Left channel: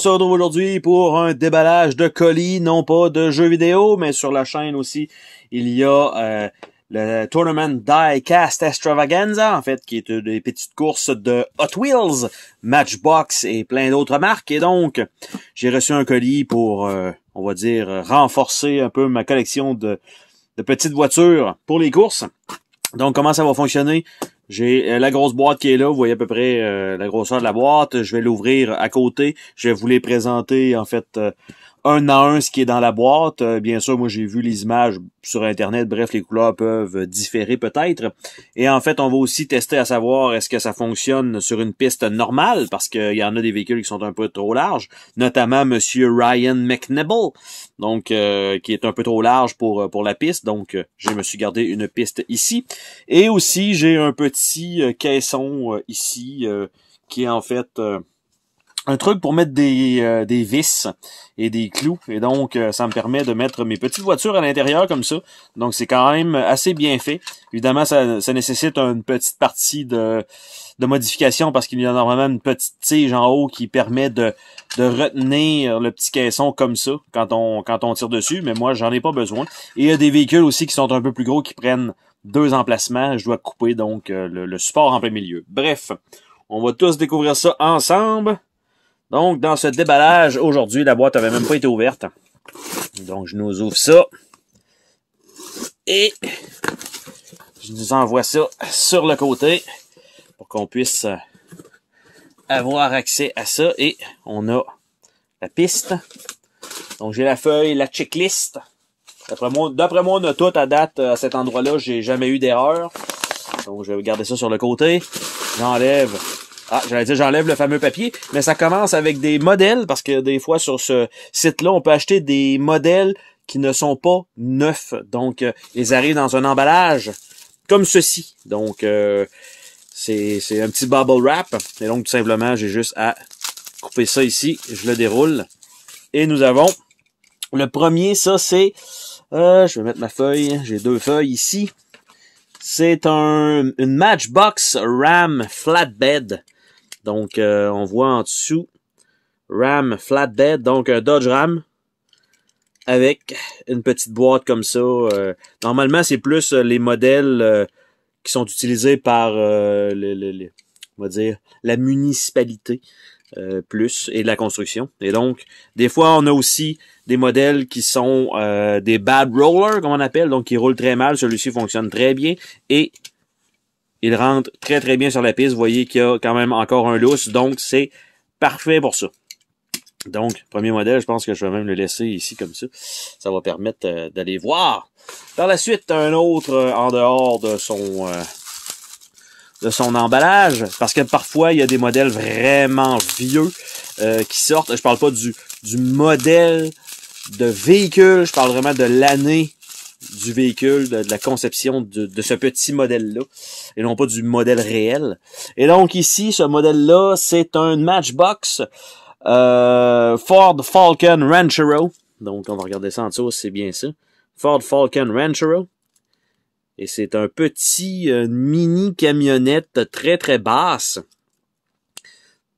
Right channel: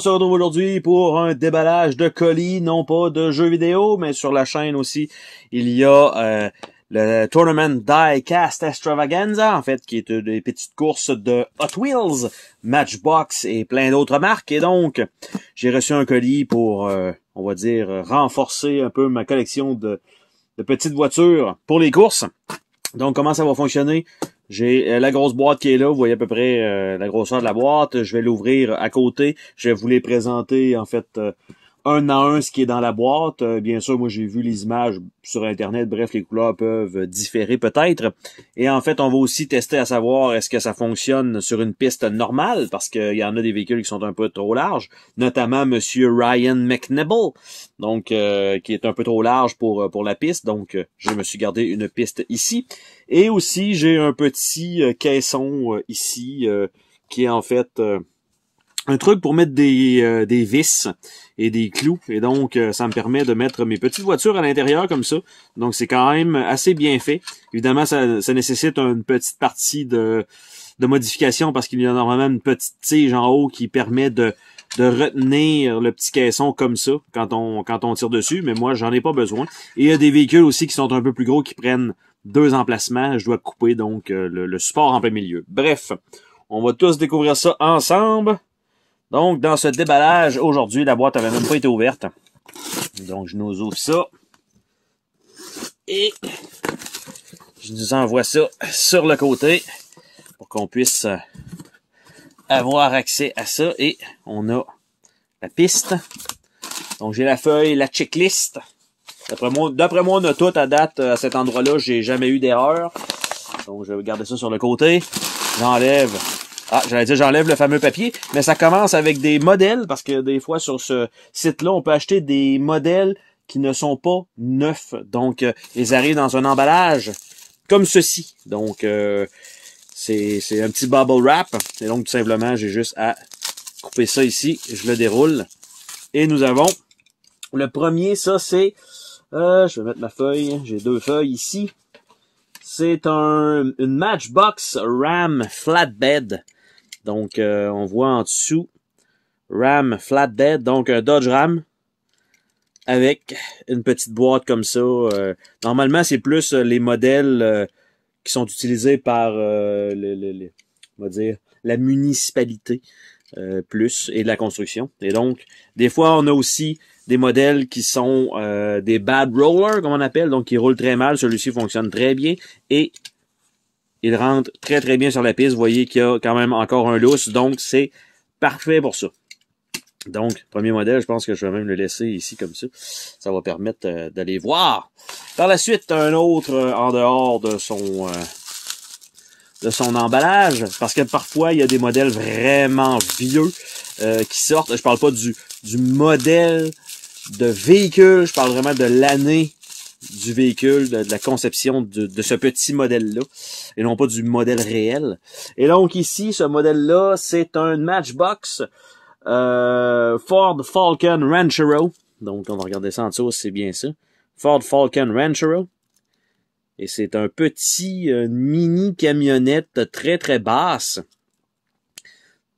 se retrouve aujourd'hui pour un déballage de colis, non pas de jeux vidéo, mais sur la chaîne aussi, il y a le Tournament Die-Cast Extravaganza, en fait, qui est des petites courses de Hot Wheels, Matchbox et plein d'autres marques. Et donc, j'ai reçu un colis pour, on va dire, renforcer un peu ma collection de petites voitures pour les courses. Donc, comment ça va fonctionner? J'ai la grosse boîte qui est là, vous voyez à peu près la grosseur de la boîte. Je vais l'ouvrir à côté. Je vais vous les présenter, en fait, un à un ce qui est dans la boîte. Bien sûr, moi, j'ai vu les images sur Internet. Bref, les couleurs peuvent différer peut-être. Et en fait, on va aussi tester à savoir est-ce que ça fonctionne sur une piste normale, parce qu'il y en a des véhicules qui sont un peu trop larges, notamment Monsieur Ryan McNibble, donc qui est un peu trop large pour la piste. Donc, je me suis gardé une piste ici. Et aussi, j'ai un petit caisson ici qui est en fait un truc pour mettre des vis et des clous. Et donc, ça me permet de mettre mes petites voitures à l'intérieur comme ça. Donc, c'est quand même assez bien fait. Évidemment, ça nécessite une petite partie de modification parce qu'il y a normalement une petite tige en haut qui permet de retenir le petit caisson comme ça quand on tire dessus. Mais moi, j'en ai pas besoin. Et il y a des véhicules aussi qui sont un peu plus gros qui prennent 2 emplacements. Je dois couper donc le support en plein milieu. Bref, on va tous découvrir ça ensemble. Donc, dans ce déballage, aujourd'hui, la boîte avait même pas été ouverte. Donc, je nous ouvre ça. Et je nous envoie ça sur le côté pour qu'on puisse avoir accès à ça. Et on a la piste. Donc, j'ai la feuille, la checklist. D'après moi, on a tout à date à cet endroit-là. J'ai jamais eu d'erreur. Donc, je vais garder ça sur le côté. J'enlève... j'enlève le fameux papier, mais ça commence avec des modèles, parce que des fois, sur ce site-là, on peut acheter des modèles qui ne sont pas neufs. Donc, ils arrivent dans un emballage comme ceci. Donc, c'est un petit bubble wrap. Et donc, tout simplement, j'ai juste à couper ça ici. Je le déroule. Et nous avons le premier, ça, c'est... je vais mettre ma feuille. J'ai 2 feuilles ici. C'est une Matchbox Ram Flatbed. Donc, on voit en dessous Ram Flatbed, donc un Dodge Ram avec une petite boîte comme ça. Normalement, c'est plus les modèles qui sont utilisés par on va dire, la municipalité plus et de la construction. Et donc, des fois, on a aussi des modèles qui sont des bad rollers, comme on appelle, donc qui roulent très mal. Celui-ci fonctionne très bien et il rentre très très bien sur la piste. Vous voyez qu'il y a quand même encore un lousse, donc c'est parfait pour ça. Donc, premier modèle, je pense que je vais même le laisser ici comme ça. Ça va permettre d'aller voir. Par la suite, un autre en dehors de son emballage, parce que parfois, il y a des modèles vraiment vieux qui sortent. Je parle pas du modèle de véhicule, je parle vraiment de l'année du véhicule, de la conception de ce petit modèle-là, et non pas du modèle réel. Et donc ici, ce modèle-là, c'est un Matchbox Ford Falcon Ranchero. Donc on va regarder ça en dessous, c'est bien ça. Ford Falcon Ranchero. Et c'est un petit mini camionnette très très basse.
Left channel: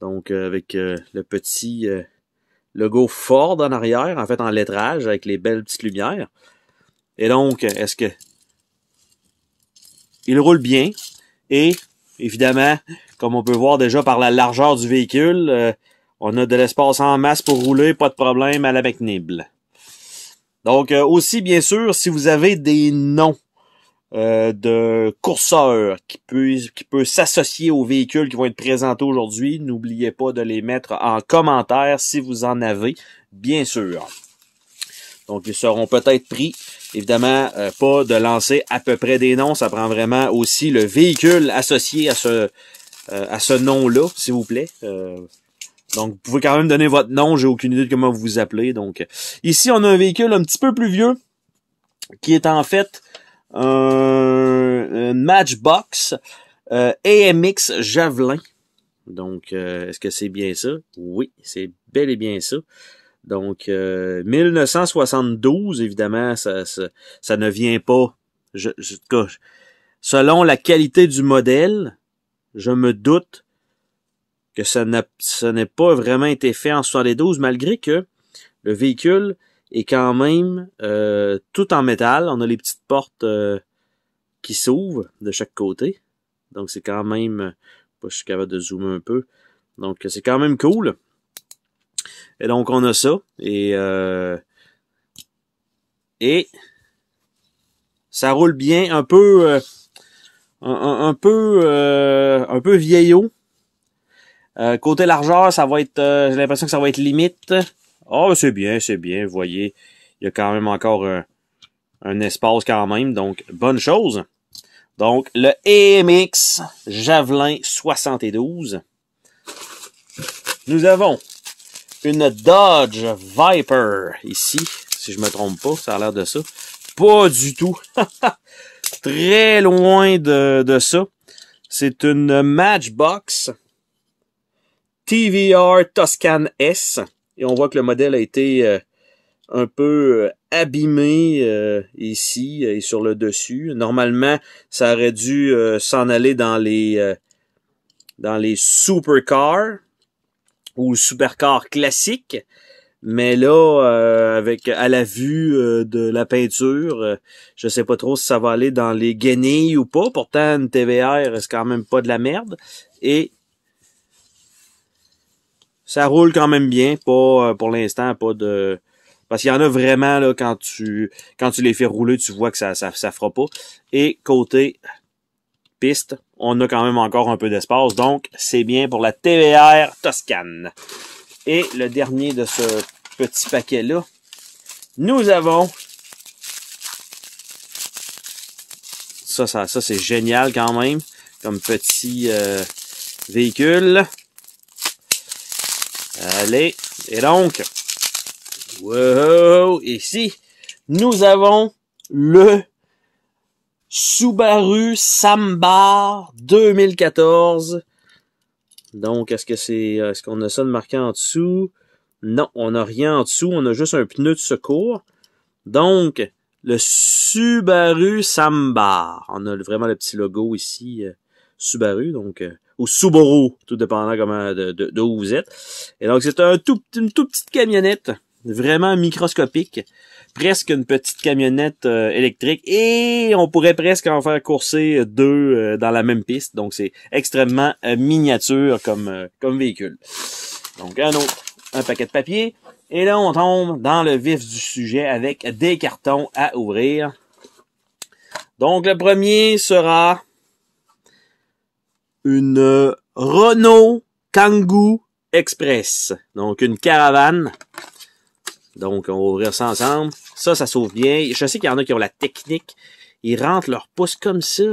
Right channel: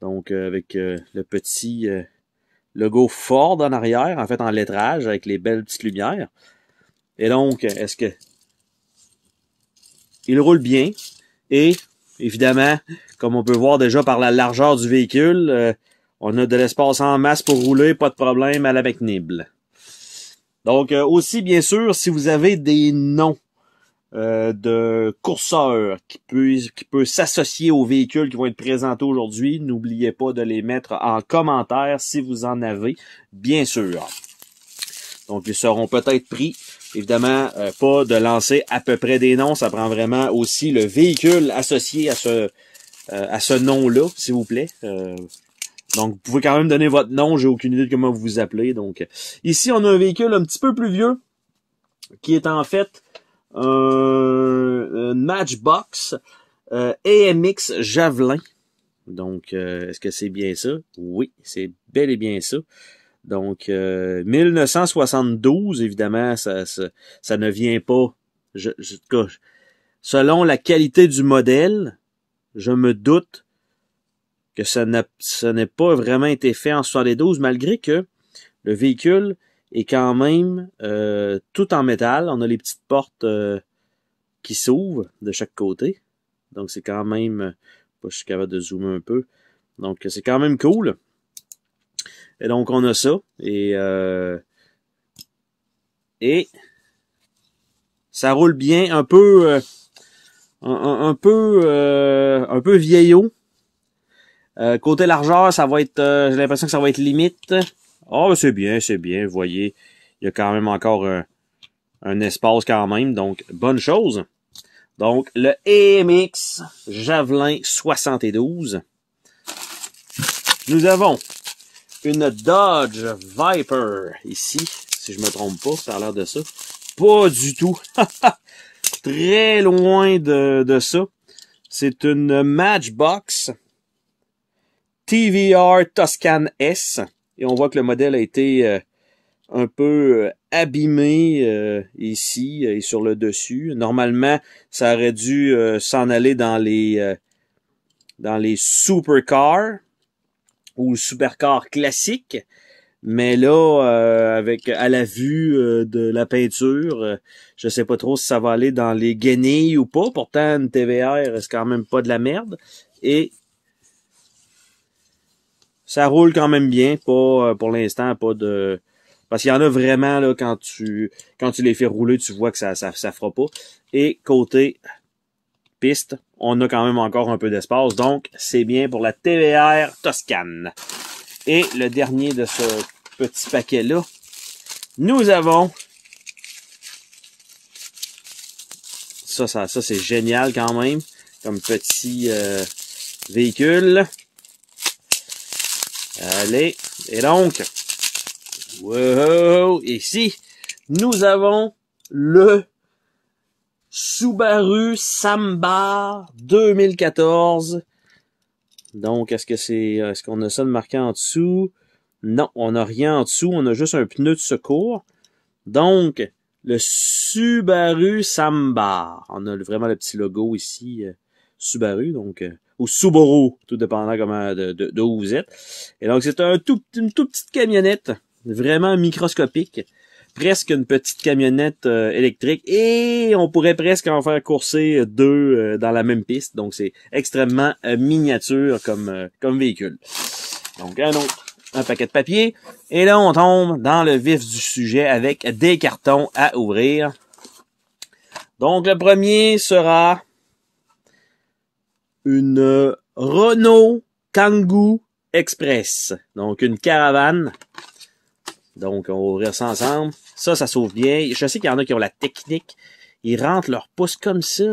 Donc avec le petit logo Ford en arrière, en fait en lettrage, avec les belles petites lumières. Et donc, est-ce que il roule bien? Et, évidemment, comme on peut voir déjà par la largeur du véhicule, on a de l'espace en masse pour rouler, pas de problème à la McNibble. Donc, aussi, bien sûr, si vous avez des noms de courseurs qui peut s'associer aux véhicules qui vont être présentés aujourd'hui, n'oubliez pas de les mettre en commentaire si vous en avez, bien sûr. Donc, ils seront peut-être pris. Évidemment, pas de lancer à peu près des noms. Ça prend vraiment aussi le véhicule associé à ce nom-là, s'il vous plaît. Donc, vous pouvez quand même donner votre nom. J'ai aucune idée de comment vous vous appelez. Donc, ici, on a un véhicule un petit peu plus vieux qui est en fait un Matchbox AMX Javelin. Donc, est-ce que c'est bien ça? Oui, c'est bel et bien ça. Donc, 1972, évidemment, ça ne vient pas. Selon la qualité du modèle, je me doute que ça n'est pas vraiment été fait en 72, malgré que le véhicule est quand même tout en métal. On a les petites portes qui s'ouvrent de chaque côté. Donc c'est quand même... je suis capable de zoomer un peu. Donc c'est quand même cool. Et donc on a ça. Et ça roule bien, un peu un peu vieillot. Côté largeur, ça va être, j'ai l'impression que ça va être limite. Oh, c'est bien, vous voyez. Il y a quand même encore un espace quand même, donc bonne chose. Donc, le EMX Javelin 72. Nous avons une Dodge Viper ici, si je me trompe pas, ça a l'air de ça. Pas du tout. Très loin de ça. C'est une Matchbox TVR Tuscan S. Et on voit que le modèle a été un peu abîmé ici et sur le dessus. Normalement, ça aurait dû s'en aller dans les supercars ou supercars classiques. Mais là, à la vue de la peinture, je sais pas trop si ça va aller dans les guenilles ou pas. Pourtant, une TVR, c'est quand même pas de la merde. Et ça roule quand même bien, pas pour l'instant, pas de... Parce qu'il y en a vraiment, là, quand tu les fais rouler, tu vois que ça fera pas. Et côté piste, on a quand même encore un peu d'espace. Donc, c'est bien pour la TVR Toscane. Et le dernier de ce petit paquet-là, nous avons... Ça c'est génial quand même, comme petit véhicule. Allez, et donc, wow, ici, nous avons le Subaru Sambar 2014. Donc, est-ce qu'on a ça de marqué en dessous? Non, on n'a rien en dessous, on a juste un pneu de secours. Donc, le Subaru Sambar. On a vraiment le petit logo ici, Subaru, donc... ou Subaru, tout dépendant comment de où vous êtes. Et donc, c'est une toute petite camionnette, vraiment microscopique, presque une petite camionnette électrique, et on pourrait presque en faire courser deux dans la même piste. Donc, c'est extrêmement miniature comme véhicule. Donc, un paquet de papier. Et là, on tombe dans le vif du sujet avec des cartons à ouvrir. Donc, le premier sera... une Renault Kangoo Express. Donc, une caravane. Donc, on va ouvrir ça ensemble. Ça s'ouvre bien. Je sais qu'il y en a qui ont la technique. Ils rentrent leur pouce comme ça.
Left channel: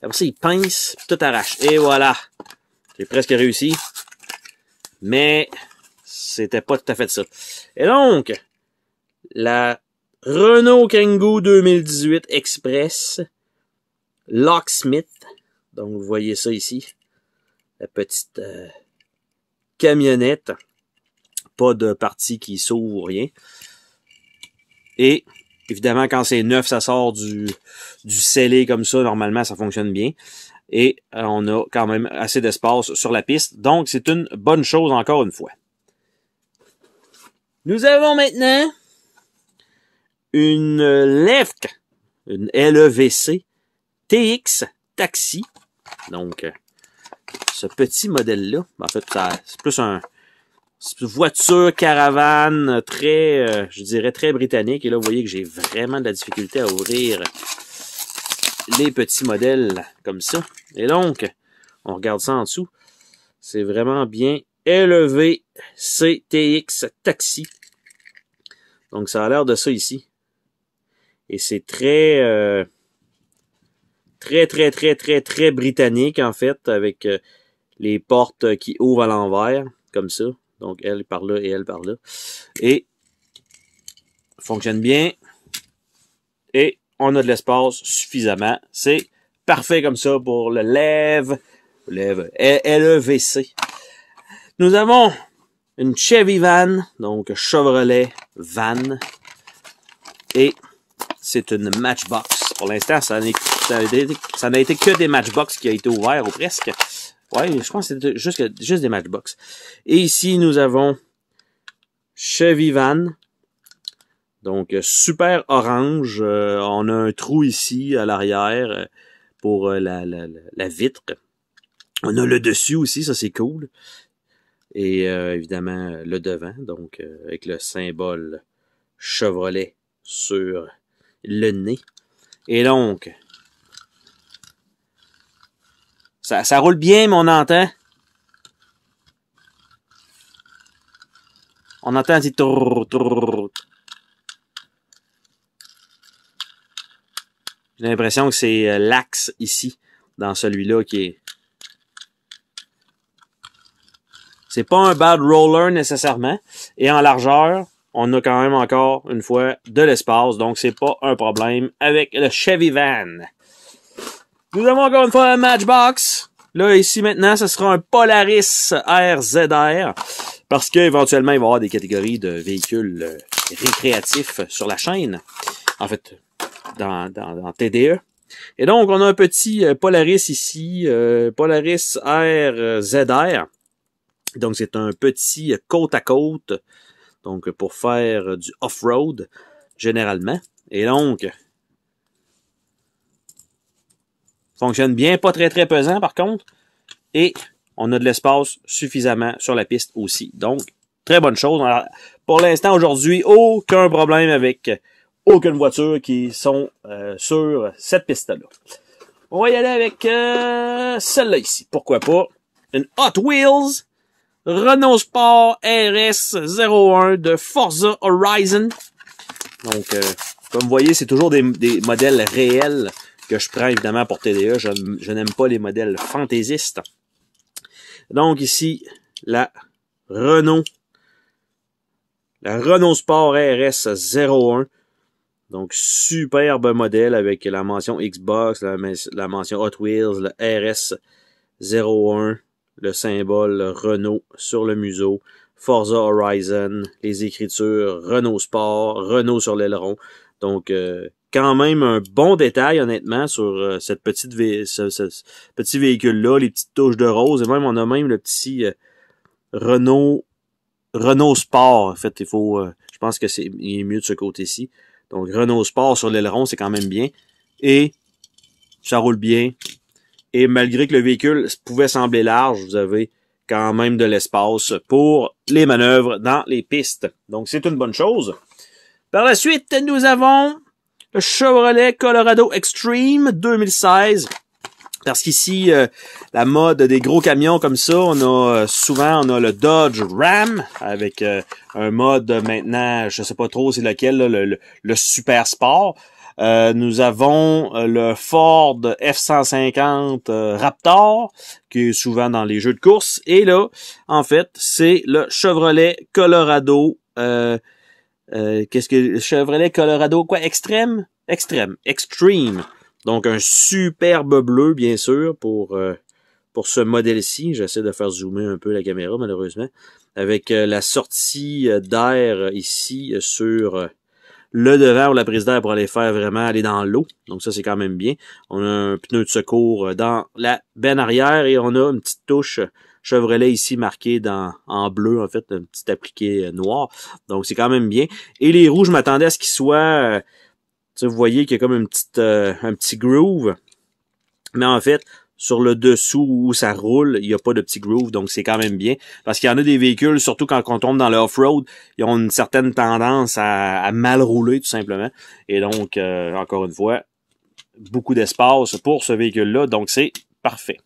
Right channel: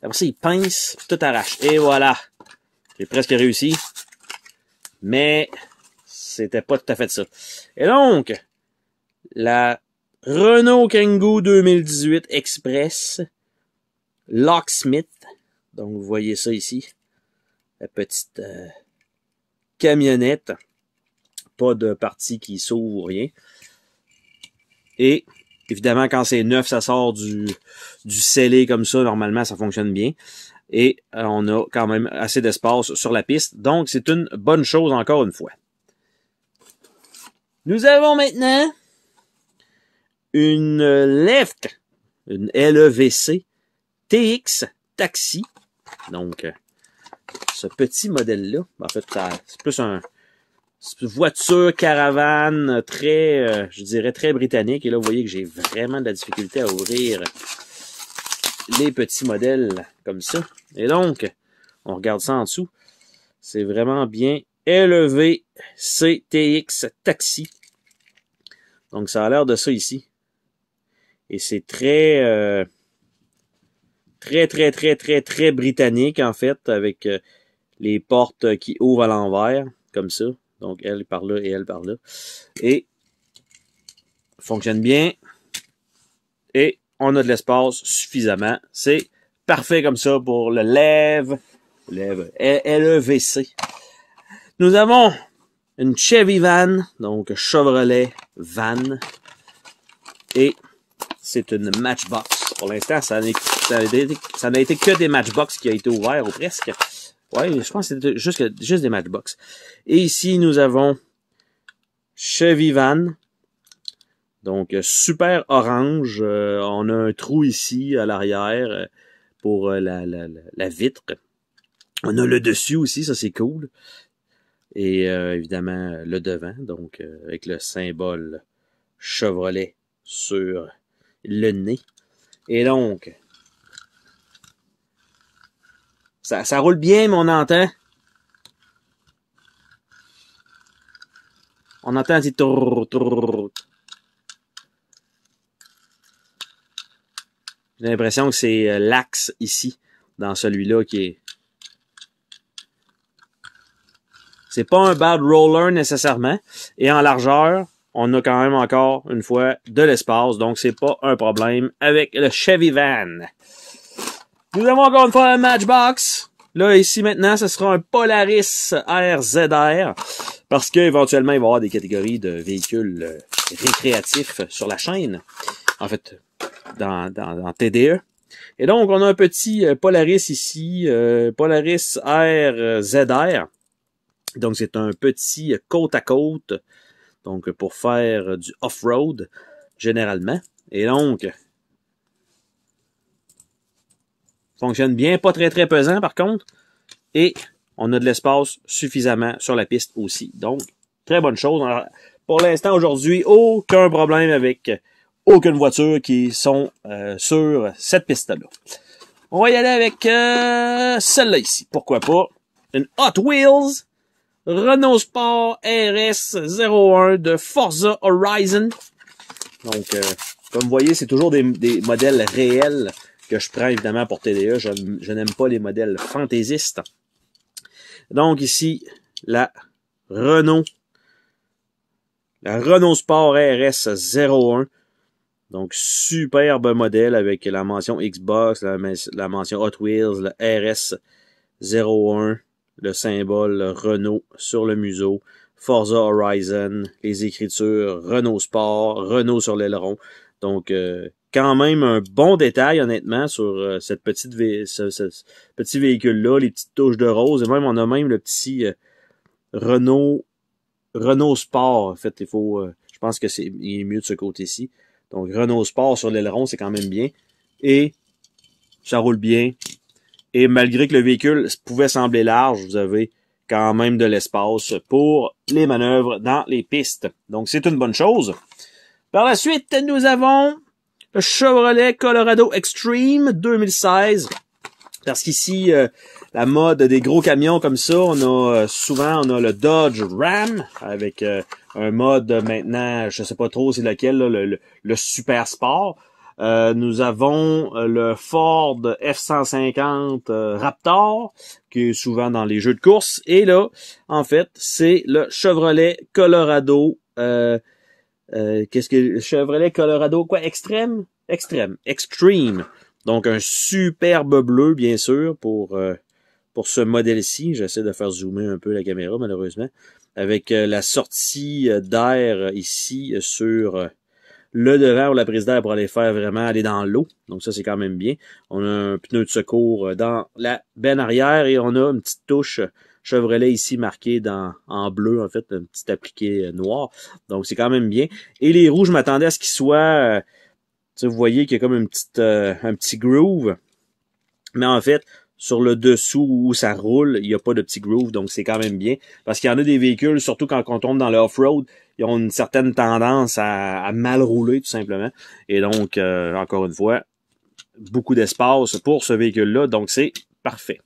Après ça, ils pincent, tout arrache. Et voilà. J'ai presque réussi. Mais, c'était pas tout à fait ça. Et donc, la Renault Kangoo 2018 Express Locksmith. Donc, vous voyez ça ici. La petite camionnette. Pas de partie qui s'ouvre ou rien. Et, évidemment, quand c'est neuf, ça sort du scellé comme ça. Normalement, ça fonctionne bien. Et on a quand même assez d'espace sur la piste. Donc, c'est une bonne chose encore une fois. Nous avons maintenant une Left, une LEVC TX Taxi. Donc, ce petit modèle-là, en fait, c'est plus une voiture caravane très, je dirais, très britannique. Et là, vous voyez que j'ai vraiment de la difficulté à ouvrir les petits modèles comme ça. Et donc, on regarde ça en dessous. C'est vraiment bien élevé CTX Taxi. Donc, ça a l'air de ça ici. Et c'est très britannique, en fait, avec les portes qui ouvrent à l'envers, comme ça. Donc, elle par là et elle par là. Et, fonctionne bien. Et, on a de l'espace suffisamment. C'est parfait comme ça pour le LEVC. Nous avons une Chevy Van, donc Chevrolet Van. Et c'est une Matchbox. Pour l'instant, ça n'a été que des Matchbox qui a été ouvert, ou presque. Ouais, je pense que c'est juste des Matchbox. Et ici, nous avons Chevy Van. Donc, super orange. On a un trou ici à l'arrière pour la vitre. On a le dessus aussi, ça c'est cool. Et évidemment, le devant, donc avec le symbole Chevrolet sur le nez. Et donc, ça roule bien, mais on entend. On entend un petit tour, tour. J'ai l'impression que c'est l'axe ici, dans celui-là, qui est... C'est pas un bad roller nécessairement. Et en largeur, on a quand même encore, une fois, de l'espace. Donc, c'est pas un problème avec le Chevy Van. Nous avons encore une fois un Matchbox. Là, ici, maintenant, ce sera un Polaris RZR. Parce qu'éventuellement, il va y avoir des catégories de véhicules récréatifs sur la chaîne. En fait, dans TDE. Et donc, on a un petit Polaris ici. Polaris RZR. Donc, c'est un petit côte à côte. Donc, pour faire du off-road, généralement. Et donc, fonctionne bien, pas très très pesant par contre. Et on a de l'espace suffisamment sur la piste aussi. Donc, très bonne chose. Alors, pour l'instant, aujourd'hui, aucun problème avec aucune voiture qui sont sur cette piste-là. On va y aller avec celle-là ici. Pourquoi pas? Une Hot Wheels Renault Sport RS01 de Forza Horizon. Donc, comme vous voyez, c'est toujours des modèles réels que je prends évidemment pour TDE. Je n'aime pas les modèles fantaisistes. Donc ici, la Renault Sport RS01. Donc, superbe modèle avec la mention Xbox, la mention Hot Wheels, le RS01. Le symbole Renault sur le museau, Forza Horizon, les écritures Renault Sport, Renault sur l'aileron. Donc, quand même un bon détail, honnêtement, sur cette ce petit véhicule-là, les petites touches de rose. Et même, on a même le petit Renault Sport. En fait, je pense que il est mieux de ce côté-ci. Donc, Renault Sport sur l'aileron, c'est quand même bien. Et ça roule bien. Et malgré que le véhicule pouvait sembler large, vous avez quand même de l'espace pour les manœuvres dans les pistes. Donc, c'est une bonne chose. Par la suite, nous avons le Chevrolet Colorado Extreme 2016. Parce qu'ici, la mode des gros camions comme ça, on a le Dodge Ram avec un mode maintenant, je sais pas trop c'est lequel, là, le Super Sport. Nous avons le Ford F-150 Raptor, qui est souvent dans les jeux de course. Et là, en fait, c'est le Chevrolet Colorado. Le Chevrolet Colorado quoi? Extreme. Donc, un superbe bleu, bien sûr, pour ce modèle-ci. J'essaie de faire zoomer un peu la caméra, malheureusement. Avec la sortie d'air ici sur... le devant ou la prise d'air pour aller aller dans l'eau. Donc ça, c'est quand même bien. On a un pneu de secours dans la benne arrière et on a une petite touche Chevrolet ici marquée en bleu, en fait, un petit appliqué noir. Donc c'est quand même bien. Et les roues, je m'attendais à ce qu'ils soient... vous voyez qu'il y a comme un petit groove. Mais en fait, sur le dessous où ça roule, il n'y a pas de petit groove, donc c'est quand même bien. Parce qu'il y en a des véhicules, surtout quand on tombe dans le off-road, ils ont une certaine tendance à mal rouler, tout simplement. Et donc, encore une fois, beaucoup d'espace pour ce véhicule-là, donc c'est parfait.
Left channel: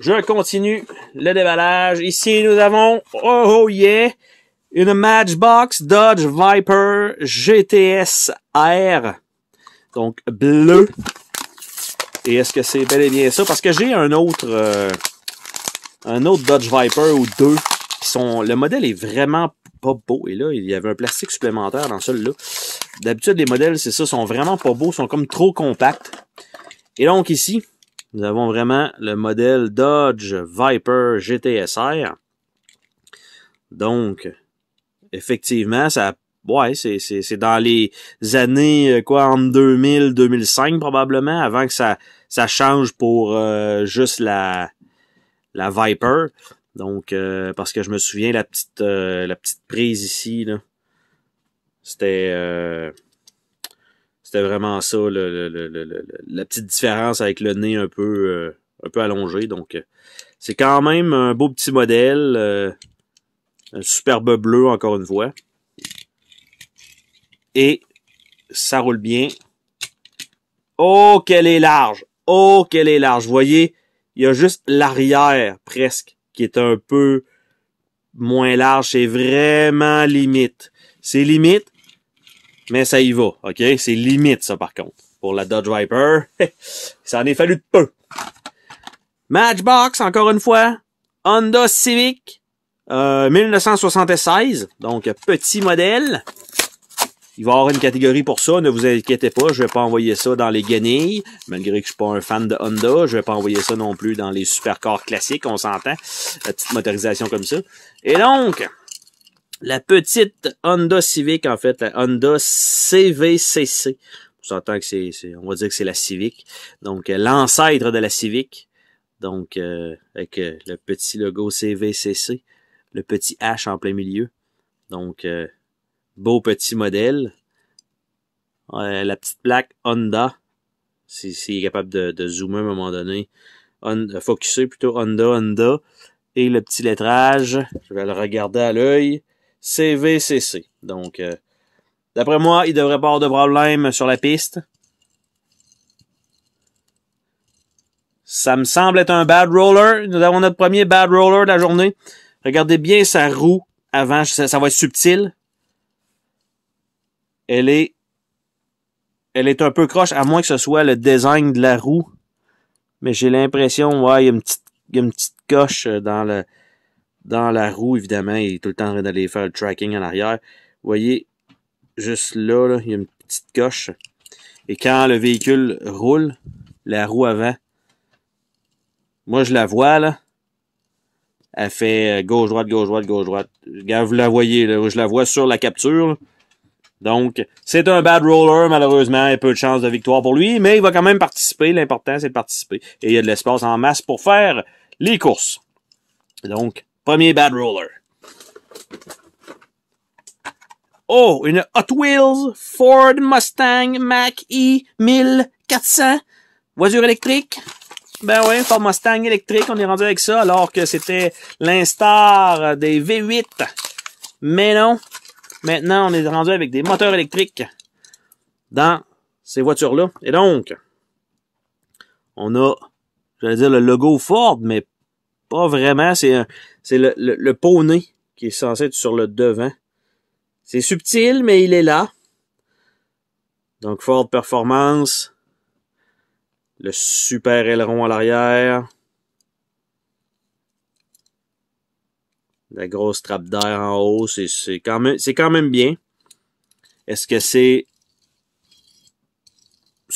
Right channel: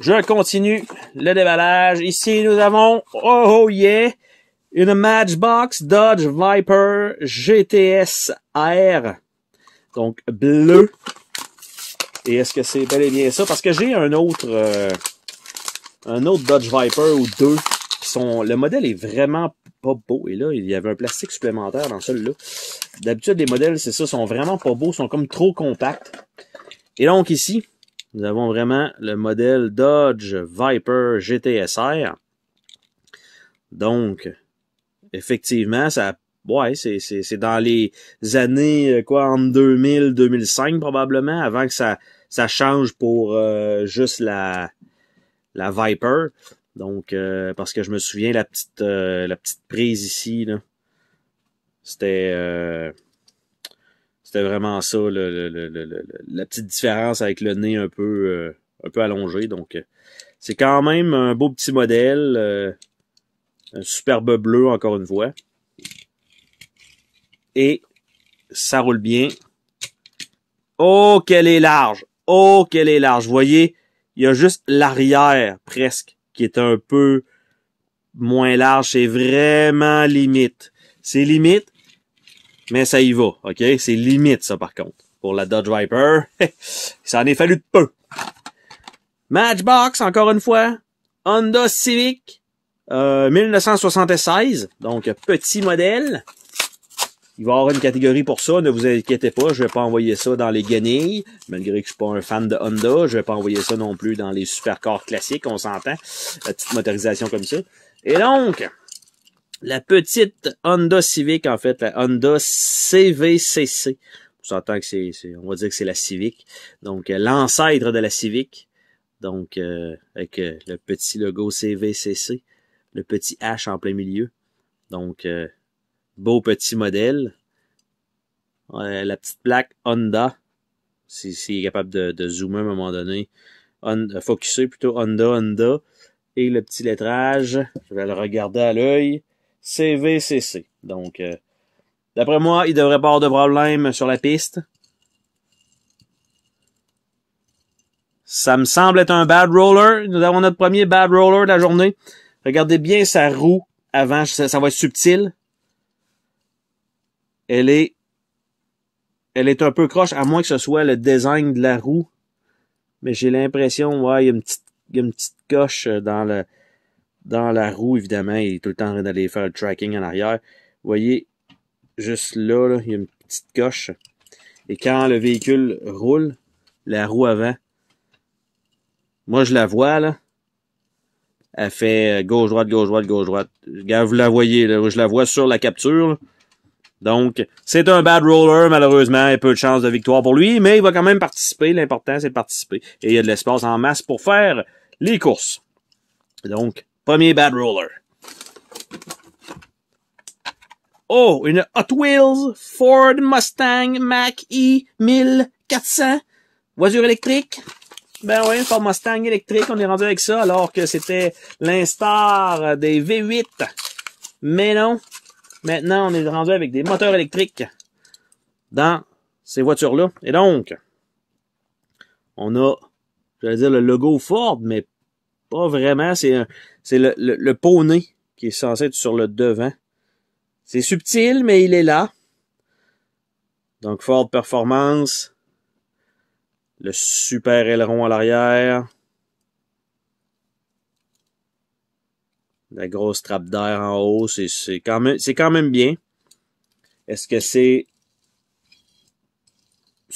Je continue le déballage. Ici, nous avons, oh yeah, une Matchbox Dodge Viper GTS R. Donc, bleu. Et est-ce que c'est bel et bien ça? Parce que j'ai un autre Dodge Viper ou deux qui sont... Le modèle est vraiment pas beau. Et là, il y avait un plastique supplémentaire dans celui-là. D'habitude, les modèles, c'est ça, sont vraiment pas beaux, sont comme trop compacts. Et donc ici, nous avons vraiment le modèle Dodge Viper GTSR. Donc, effectivement, ça... Ouais, c'est dans les années, entre 2000, 2005 probablement, avant que ça change pour juste la la Viper. Donc, parce que je me souviens, la petite prise ici, là, c'était vraiment ça, la petite différence avec le nez un peu allongé. Donc, c'est quand même un beau petit modèle, un superbe bleu encore une fois. Et ça roule bien. Oh, qu'elle est large! Oh, qu'elle est large! Vous voyez, il y a juste l'arrière, presque, qui est un peu moins large. C'est vraiment limite. C'est limite, mais ça y va, OK? C'est limite, ça, par contre. Pour la Dodge Viper, ça en est fallu de peu. Matchbox, encore une fois. Honda Civic, 1976. Donc, petit modèle. Il va y avoir une catégorie pour ça, ne vous inquiétez pas, je vais pas envoyer ça dans les guenilles, malgré que je suis pas un fan de Honda, je vais pas envoyer ça non plus dans les supercars classiques, on s'entend, la petite motorisation comme ça. Et donc, la petite Honda Civic, en fait, la Honda CVCC, on s'entend que on va dire que c'est la Civic, donc l'ancêtre de la Civic, donc avec le petit logo CVCC, le petit H en plein milieu, donc beau petit modèle. La petite plaque Honda. S'il est capable de zoomer à un moment donné. Focuser plutôt Honda. Et le petit lettrage. Je vais le regarder à l'œil. CVCC. Donc, d'après moi, il devrait pas avoir de problème sur la piste. Ça me semble être un bad roller. Nous avons notre premier bad roller de la journée. Regardez bien sa roue avant. Ça va être subtil. Elle est un peu croche, à moins que ce soit le design de la roue. Mais j'ai l'impression, ouais, il y a une petite coche dans la roue, évidemment. Il est tout le temps en train d'aller faire le tracking en arrière. Vous voyez, juste là, il y a une petite coche. Et quand le véhicule roule, la roue avant, moi je la vois, là. Elle fait gauche-droite, gauche-droite, gauche-droite. Vous la voyez, là, je la vois sur la capture, là. Donc, c'est un bad roller, malheureusement, il y a peu de chances de victoire pour lui, mais il va quand même participer. L'important, c'est de participer. Et il y a de l'espace en masse pour faire les courses. Donc, premier bad roller. Oh, une Hot Wheels Ford Mustang Mach-E 1400. Voiture électrique. Ben oui, Ford Mustang électrique, on est rendu avec ça, alors que c'était l'instar des V8. Mais non. Maintenant, on est rendu avec des moteurs électriques dans ces voitures-là. Et donc, on a, j'allais dire le logo Ford, mais pas vraiment. C'est le poney qui est censé être sur le devant. C'est subtil, mais il est là. Donc, Ford Performance. Le super aileron à l'arrière. La grosse trappe d'air en haut, c'est quand même bien. Est-ce que c'est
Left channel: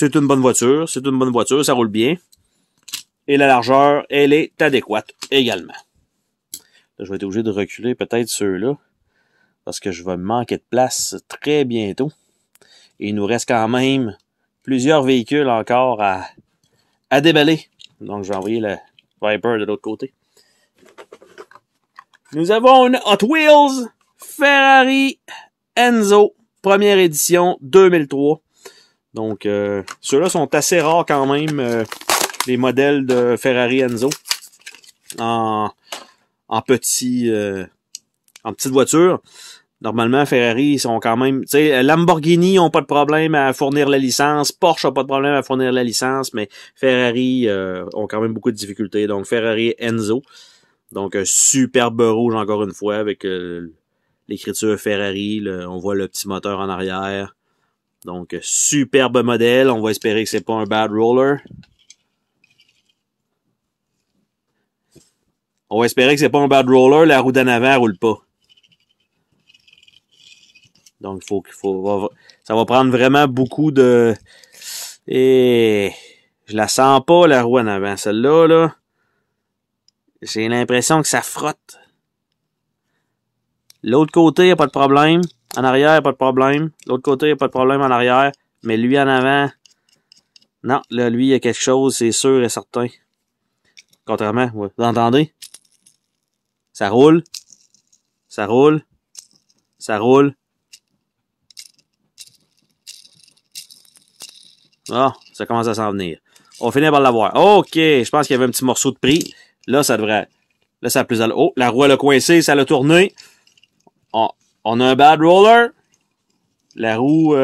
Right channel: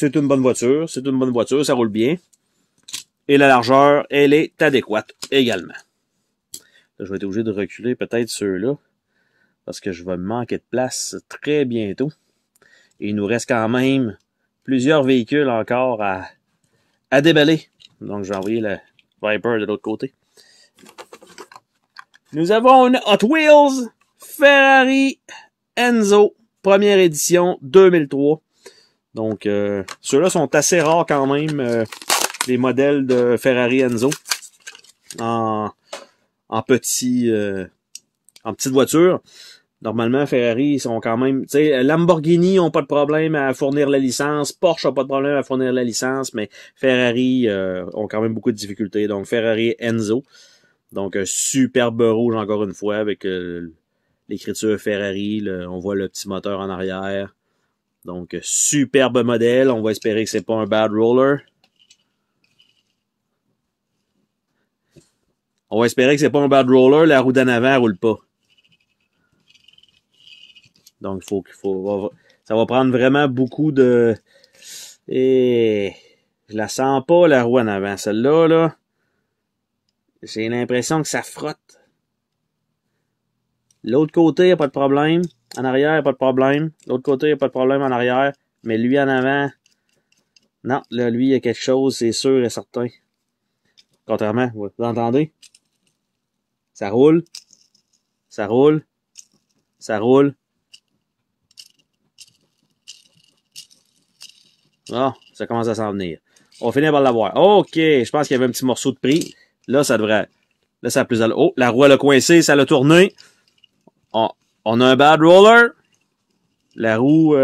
une bonne voiture? C'est une bonne voiture, ça roule bien. Et la largeur, elle est adéquate également. Là, je vais être obligé de reculer peut-être ceux-là, parce que je vais manquer de place très bientôt. Et il nous reste quand même plusieurs véhicules encore à déballer. Donc, je vais envoyer le Viper de l'autre côté. Nous avons une Hot Wheels Ferrari Enzo, première édition 2003. Donc, ceux-là sont assez rares quand même, les modèles de Ferrari Enzo en petite voiture. Normalement, Ferrari, ils sont quand même, tu sais, Lamborghini n'ont pas de problème à fournir la licence, Porsche n'a pas de problème à fournir la licence, mais Ferrari ont quand même beaucoup de difficultés. Donc, Ferrari Enzo. Donc, un superbe rouge, encore une fois, avec l'écriture Ferrari. On voit le petit moteur en arrière. Donc, superbe modèle. On va espérer que c'est pas un bad roller. On va espérer que c'est pas un bad roller. La roue d'en avant roule pas. Donc, ça va prendre vraiment beaucoup de... Et je la sens pas, la roue en avant. Celle-là, là, j'ai l'impression que ça frotte. L'autre côté, il n'y a pas de problème. En arrière, il n'y a pas de problème. L'autre côté, il n'y a pas de problème en arrière. Mais lui en avant, non, là, lui, il y a quelque chose, c'est sûr et certain. Contrairement, ouais. Vous entendez? Ça roule. Ça roule. Ça roule. Ah, ça commence à s'en venir. On va finir par l'avoir. OK, je pense qu'il y avait un petit morceau de prix. Là, ça devrait... Là, ça a plus à... Oh, la roue, elle a coincé, ça l'a tourné. On a un bad roller. La roue...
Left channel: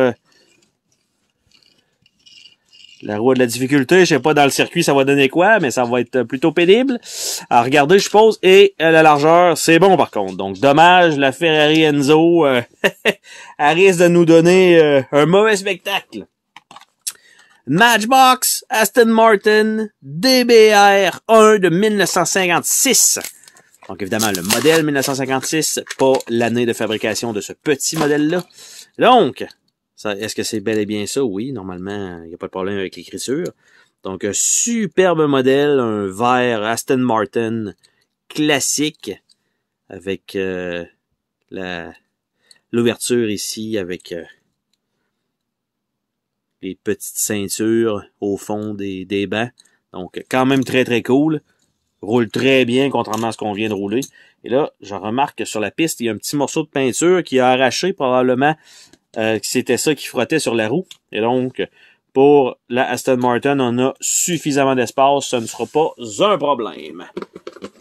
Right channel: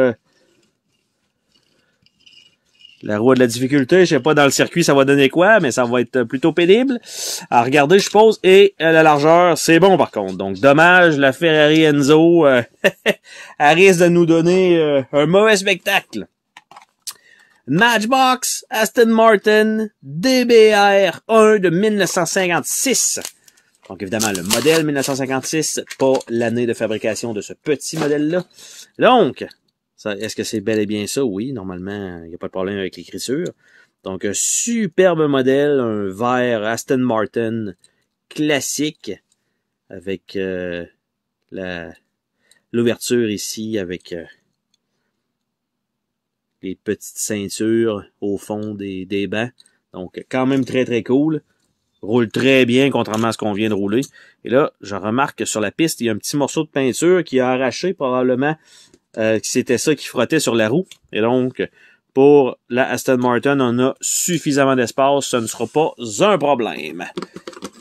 La roue a de la difficulté. Je sais pas dans le circuit ça va donner quoi, mais ça va être plutôt pénible. À regarder, je suppose. Et la largeur, c'est bon par contre. Donc, dommage, la Ferrari Enzo, elle risque de nous donner un mauvais spectacle. Matchbox Aston Martin DBR 1 de 1956. Donc, évidemment, le modèle 1956, pas l'année de fabrication de ce petit modèle-là. Donc, est-ce que c'est bel et bien ça? Oui, normalement, il n'y a pas de problème avec l'écriture. Donc, un superbe modèle, un vert Aston Martin classique avec l'ouverture ici, avec les petites ceintures au fond des bancs. Donc, quand même très, très cool. Roule très bien, contrairement à ce qu'on vient de rouler. Et là, je remarque que sur la piste, il y a un petit morceau de peinture qui a arraché probablement. C'était ça qui frottait sur la roue. Et donc, pour la Aston Martin, on a suffisamment d'espace. Ce ne sera pas un problème.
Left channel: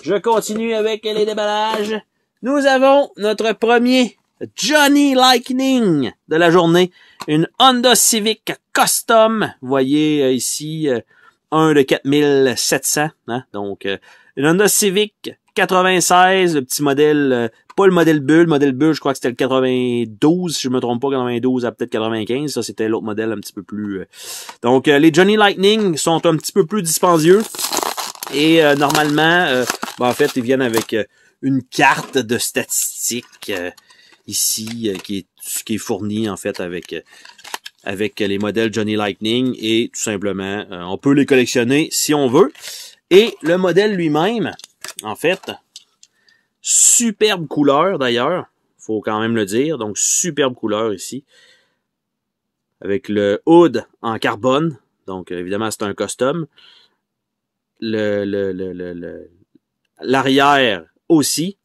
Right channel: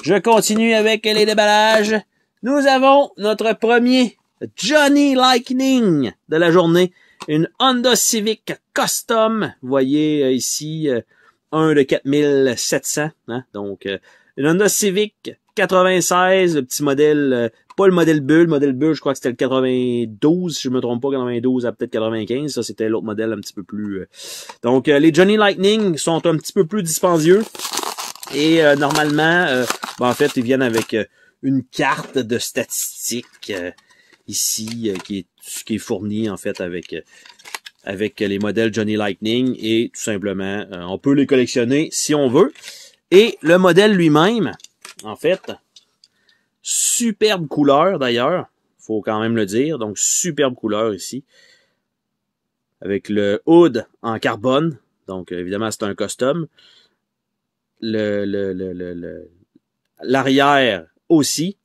Je continue avec les déballages. Nous avons notre premier Johnny Lightning de la journée. Une Honda Civic Custom. Vous voyez ici un de 4700. Hein? Donc, une Honda Civic 96, le petit modèle, pas le modèle bulle, je crois que c'était le 92, si je me trompe pas, 92 à peut-être 95, ça c'était l'autre modèle un petit peu plus... Donc, les Johnny Lightning sont un petit peu plus dispendieux, et normalement, en fait, ils viennent avec une carte de statistiques, ici, qui est fournie, en fait, avec les modèles Johnny Lightning, et tout simplement, on peut les collectionner si on veut. Et le modèle lui-même, en fait, superbe couleur d'ailleurs, faut quand même le dire, donc superbe couleur ici, avec le hood en carbone, donc évidemment c'est un custom, l'arrière aussi,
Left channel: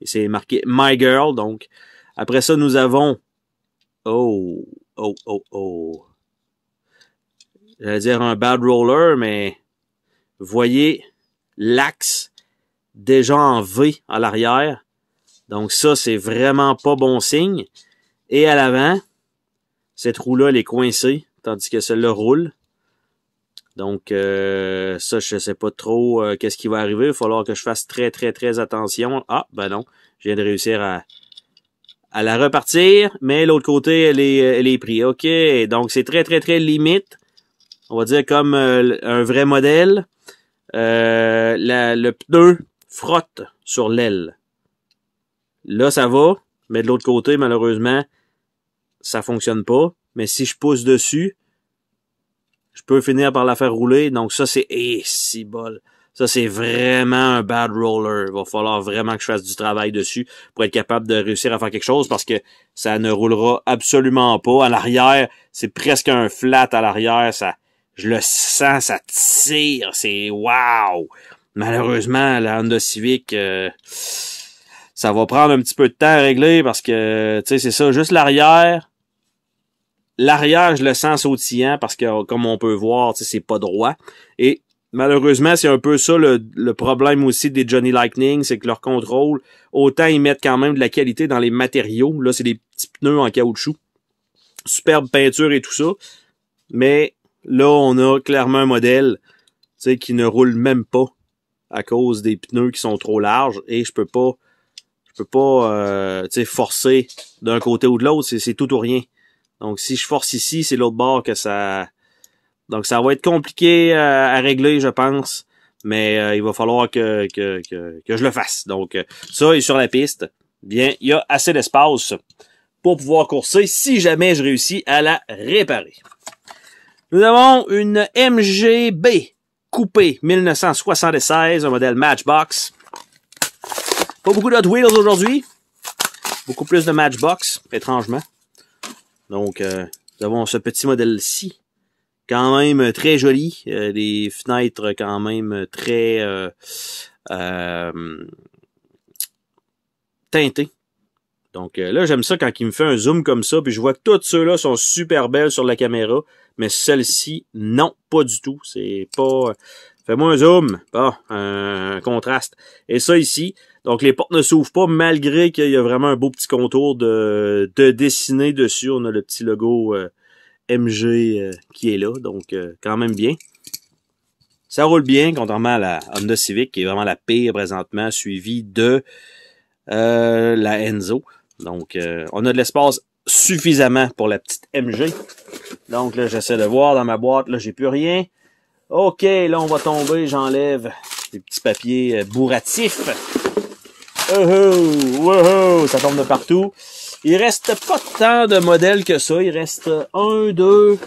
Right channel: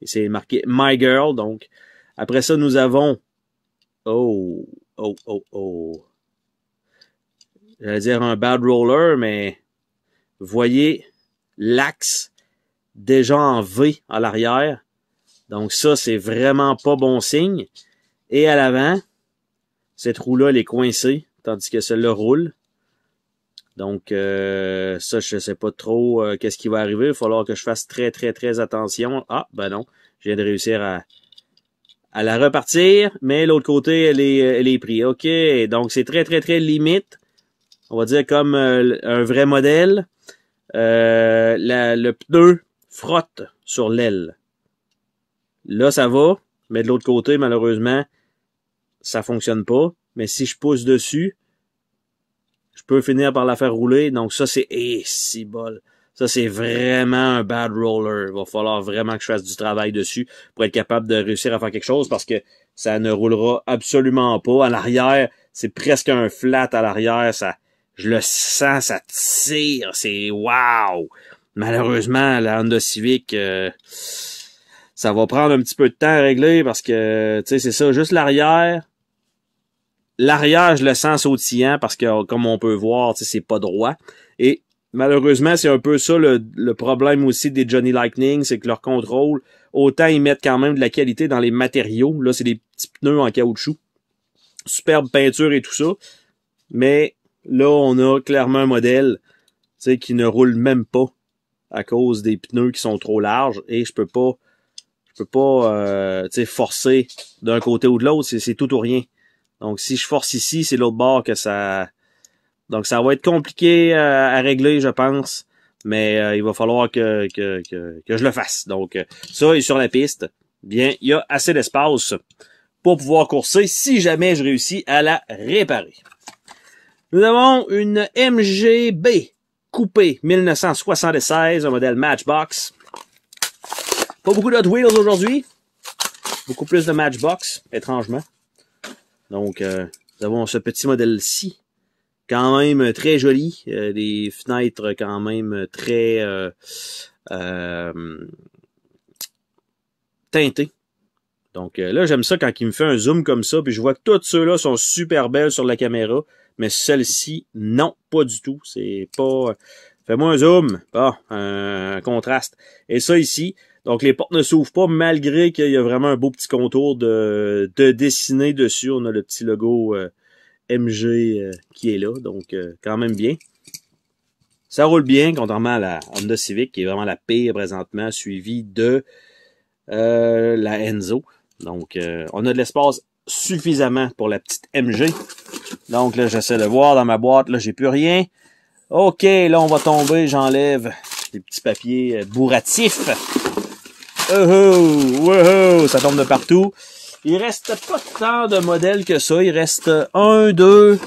et c'est marqué My Girl, donc après ça nous avons, j'allais dire un bad roller, mais voyez l'axe déjà en V à l'arrière. Donc ça, c'est vraiment pas bon signe. Et à l'avant, cette roue-là, elle est coincée, tandis que celle-là roule. Donc ça, je sais pas trop qu'est-ce qui va arriver. Il va falloir que je fasse très, très, très attention. Ah, ben non, je viens de réussir à la repartir, mais l'autre côté, elle est prise. OK, donc c'est très, très, très limite. On va dire comme un vrai modèle. Le pneu frotte sur l'aile. Là, ça va, mais de l'autre côté, malheureusement, ça fonctionne pas. Mais si je pousse dessus, je peux finir par la faire rouler. Donc ça, c'est... si bol. Ça, c'est vraiment un bad roller. Il va falloir vraiment que je fasse du travail dessus pour être capable de réussir à faire quelque chose parce que ça ne roulera absolument pas. À l'arrière, c'est presque un flat à l'arrière. Je le sens, ça tire. C'est wow! Malheureusement, la Honda Civic, ça va prendre un petit peu de temps à régler parce que, tu sais, c'est ça, juste l'arrière. L'arrière, je le sens sautillant parce que, comme on peut voir, tu sais, c'est pas droit. Et malheureusement, c'est un peu ça le problème aussi des Johnny Lightning, c'est que leur contrôle, autant ils mettent quand même de la qualité dans les matériaux. Là, c'est des petits pneus en caoutchouc. Superbe peinture et tout ça. Mais là, on a clairement un modèle, tu sais, qui ne roule même pas à cause des pneus qui sont trop larges et je peux pas tu sais, forcer d'un côté ou de l'autre, c'est tout ou rien. Donc si je force ici, c'est l'autre bord que ça... Donc ça va être compliqué à régler, je pense, mais il va falloir que je le fasse. Donc ça est sur la piste. Bien, il y a assez d'espace pour pouvoir courser si jamais je réussis à la réparer. Nous avons une MGB coupé 1976, un modèle Matchbox. Pas beaucoup de Hot Wheels aujourd'hui. Beaucoup plus de Matchbox, étrangement. Donc, nous avons ce petit modèle-ci quand même très joli, des fenêtres quand même très teintées. Donc là, j'aime ça quand il me fait un zoom comme ça, puis je vois que tous ceux-là sont super belles sur la caméra, mais celle-ci, non, pas du tout. C'est pas... Fais-moi un zoom, pas un contraste. Et ça ici, donc les portes ne s'ouvrent pas, malgré qu'il y a vraiment un beau petit contour de dessiné dessus. On a le petit logo MG qui est là, donc quand même bien. Ça roule bien, contrairement à la Honda Civic, qui est vraiment la pire présentement, suivie de la Enzo. Donc, on a de l'espace suffisamment pour la petite MG. Donc là, j'essaie de voir dans ma boîte. Là, j'ai plus rien. OK, là, on va tomber. J'enlève les petits papiers bourratifs. Oh, ça tombe de partout. Il reste pas tant de modèles que ça. Il reste 1, 2,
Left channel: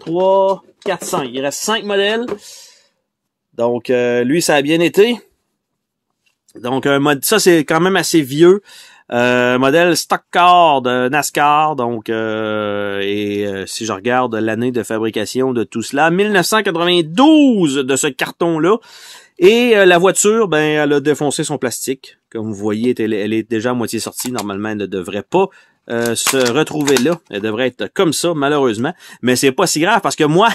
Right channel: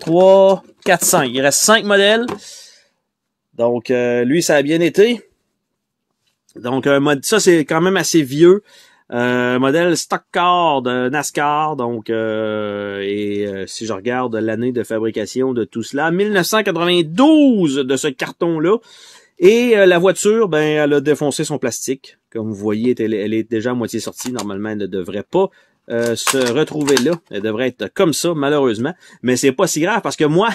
3, 4, 5. Il reste 5 modèles. Donc, lui, ça a bien été. Donc, ça, c'est quand même assez vieux. Modèle stock car de NASCAR, donc si je regarde l'année de fabrication de tout cela, 1992 de ce carton-là. Et la voiture, ben, elle a défoncé son plastique. Comme vous voyez, elle est déjà à moitié sortie. Normalement, elle ne devrait pas se retrouver là. Elle devrait être comme ça, malheureusement. Mais c'est pas si grave parce que moi,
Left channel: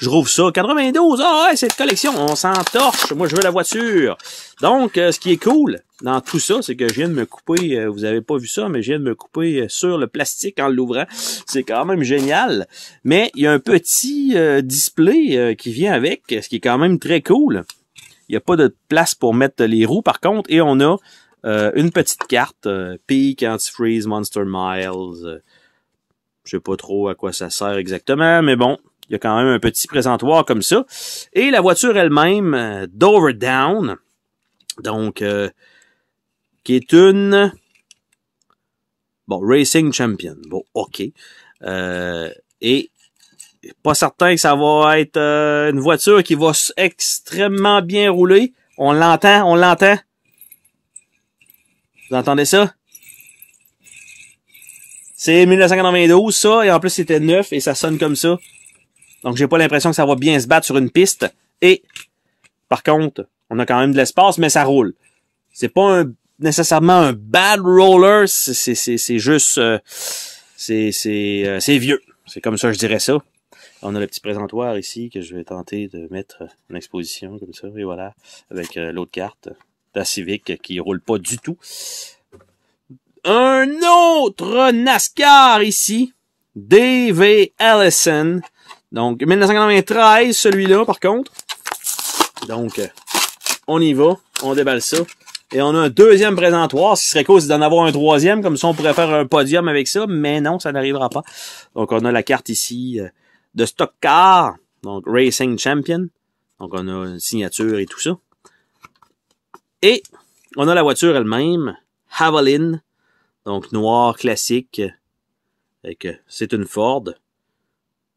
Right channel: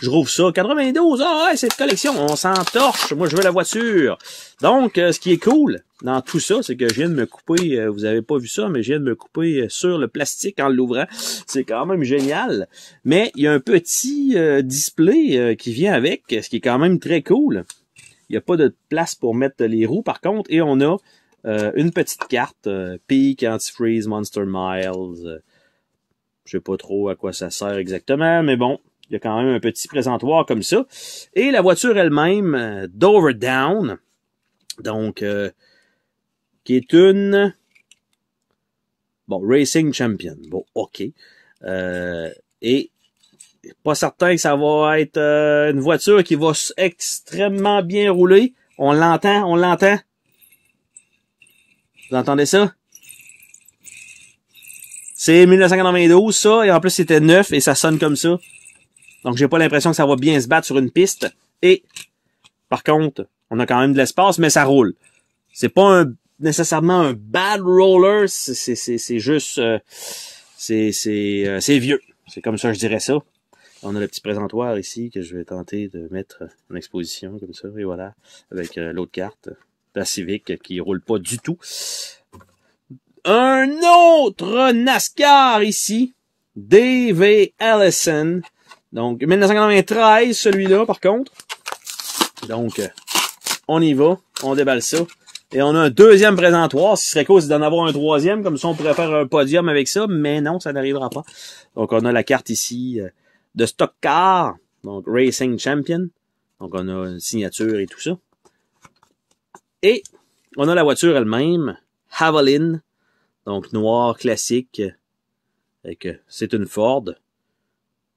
je trouve ça. 92, ah ouais, cette collection, on s'entorche. Moi, je veux la voiture. Donc, ce qui est cool dans tout ça, c'est que je viens de me couper, vous avez pas vu ça, mais je viens de me couper sur le plastique en l'ouvrant. C'est quand même génial. Mais il y a un petit display qui vient avec, ce qui est quand même très cool. Il n'y a pas de place pour mettre les roues, par contre, et on a une petite carte, Peak, Antifreeze, Monster Miles. Je sais pas trop à quoi ça sert exactement, mais bon, il y a quand même un petit présentoir comme ça. Et la voiture elle-même, Dover Down, donc qui est une Racing Champion. Bon, OK. Et pas certain que ça va être une voiture qui va extrêmement bien rouler. On l'entend. Vous entendez ça? C'est 1992, ça, et en plus c'était neuf et ça sonne comme ça. Donc j'ai pas l'impression que ça va bien se battre sur une piste. Et par contre, on a quand même de l'espace, mais ça roule. C'est pas nécessairement un bad roller, c'est juste c'est vieux. C'est comme ça je dirais ça. On a le petit présentoir ici que je vais tenter de mettre en exposition comme ça, et voilà, avec l'autre carte, la Civic qui roule pas du tout. Un autre NASCAR ici, D.V. Allison. Donc, 1993, celui-là, par contre. Donc, on y va, on déballe ça. Et on a un deuxième présentoir. Ce qui serait cool, c'est d'en avoir un troisième. Comme ça, on pourrait faire un podium avec ça. Mais non, ça n'arrivera pas. Donc, on a la carte ici de Stock Car. Donc, Racing Champion. Donc, on a une signature et tout ça. Et on a la voiture elle-même, Havalin. Donc, noir classique. C'est une Ford.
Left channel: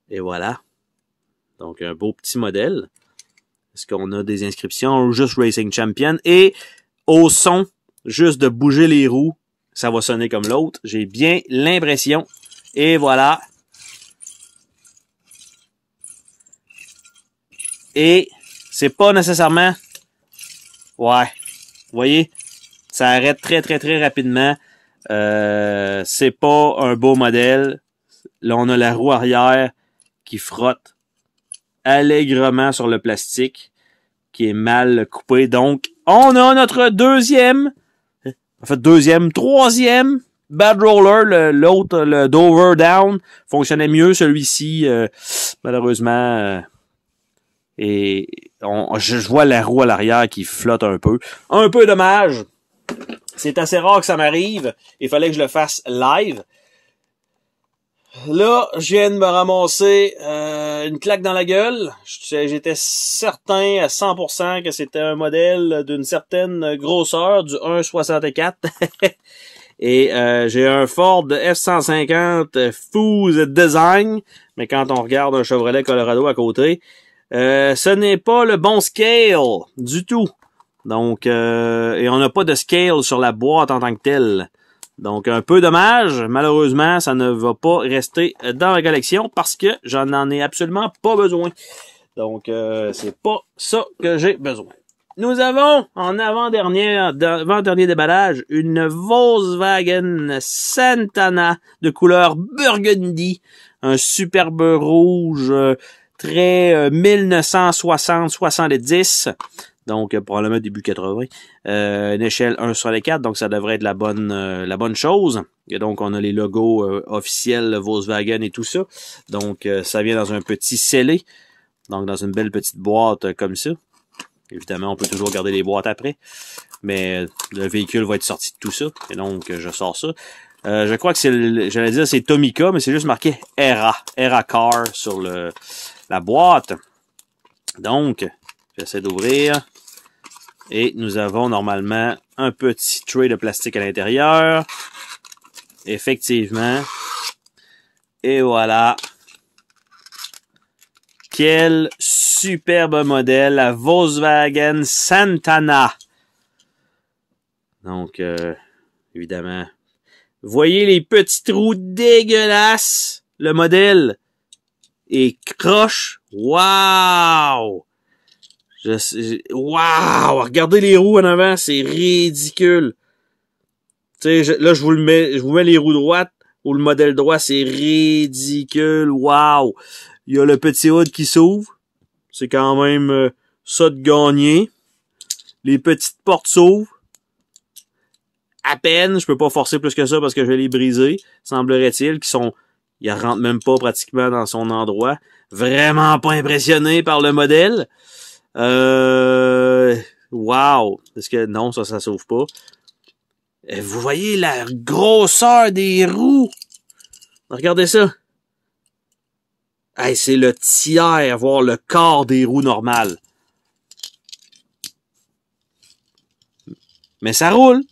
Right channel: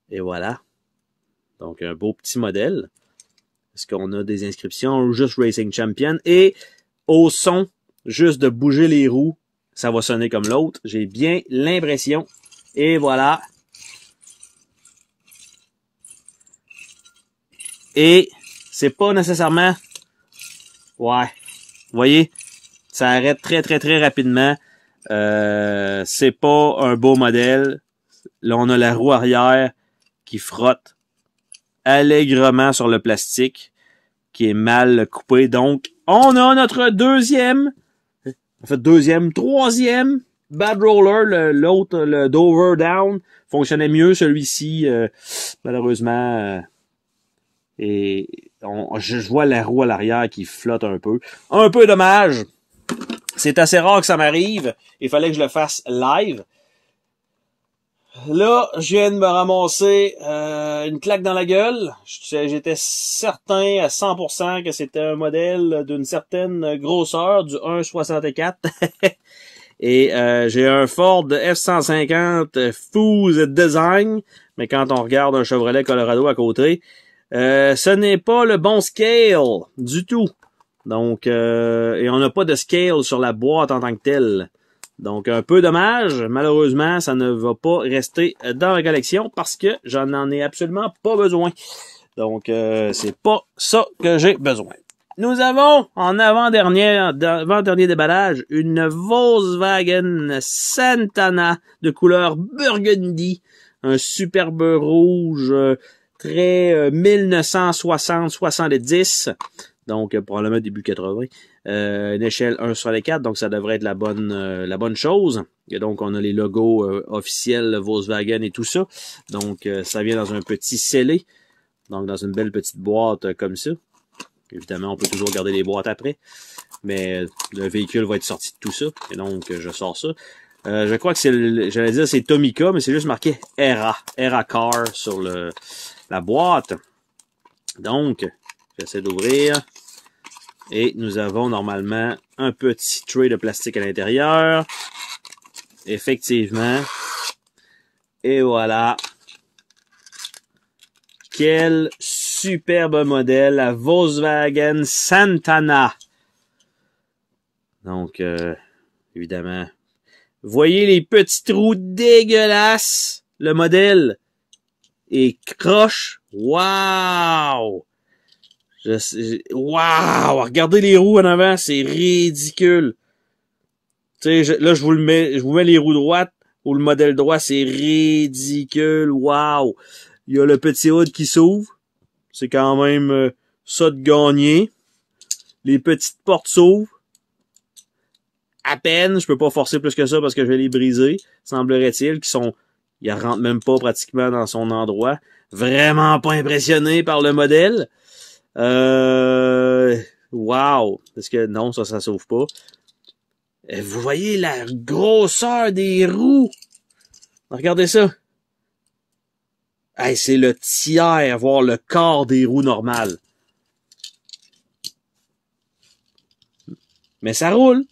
Et voilà. Donc, un beau petit modèle. Est-ce qu'on a des inscriptions? Juste Racing Champion. Et au son, juste de bouger les roues, ça va sonner comme l'autre. J'ai bien l'impression. Et voilà. Et c'est pas nécessairement... Ouais. Vous voyez? Ça arrête très, très, très rapidement. C'est pas un beau modèle. Là, on a la roue arrière qui frotte allègrement sur le plastique qui est mal coupé. Donc, on a notre troisième Bad Roller. L'autre, le Dover Down, fonctionnait mieux. Celui-ci, malheureusement, et je vois la roue à l'arrière qui flotte un peu. Un peu dommage. C'est assez rare que ça m'arrive. Il fallait que je le fasse live. Là, je viens de me ramasser une claque dans la gueule. J'étais certain à 100% que c'était un modèle d'une certaine grosseur, du 1.64. Et j'ai un Ford F-150 Foose Design. Mais quand on regarde un Chevrolet Colorado à côté, ce n'est pas le bon scale du tout. Donc, et on n'a pas de scale sur la boîte en tant que telle. Donc, un peu dommage. Malheureusement, ça ne va pas rester dans la collection parce que j'en ai absolument pas besoin. Donc, c'est pas ça que j'ai besoin. Nous avons, en avant-dernier déballage, une Volkswagen Santana de couleur burgundy. Un superbe rouge très 1960-70. Donc, probablement début 80. Une échelle 1 sur les 4, donc ça devrait être la bonne chose. Et donc, on a les logos officiels Volkswagen et tout ça. Donc, ça vient dans un petit scellé. Donc, dans une belle petite boîte comme ça. Évidemment, on peut toujours garder les boîtes après. Mais le véhicule va être sorti de tout ça. Et donc, je sors ça. Je crois que j'allais dire c'est Tomica, mais c'est juste marqué Era Car sur la boîte. Donc, j'essaie d'ouvrir. Et nous avons normalement un petit tray de plastique à l'intérieur. Effectivement. Et voilà. Quel superbe modèle, la Volkswagen Santana. Donc, évidemment. Voyez les petits trous dégueulasses. Le modèle est croche. Wow! Wow! Regardez les roues en avant, c'est ridicule. Tu sais, là, je vous mets les roues droites ou le modèle droit, c'est ridicule. Wow! Il y a le petit hood qui s'ouvre. C'est quand même ça de gagner. Les petites portes s'ouvrent. À peine, je peux pas forcer plus que ça parce que je vais les briser, semblerait-il, ils rentrent même pas pratiquement dans son endroit. Vraiment pas impressionné par le modèle. Wow! Est-ce que non, ça s'ouvre pas. Vous voyez la grosseur des roues. Regardez ça. Hey, c'est le tiers, voire le quart des roues normales. Mais ça roule.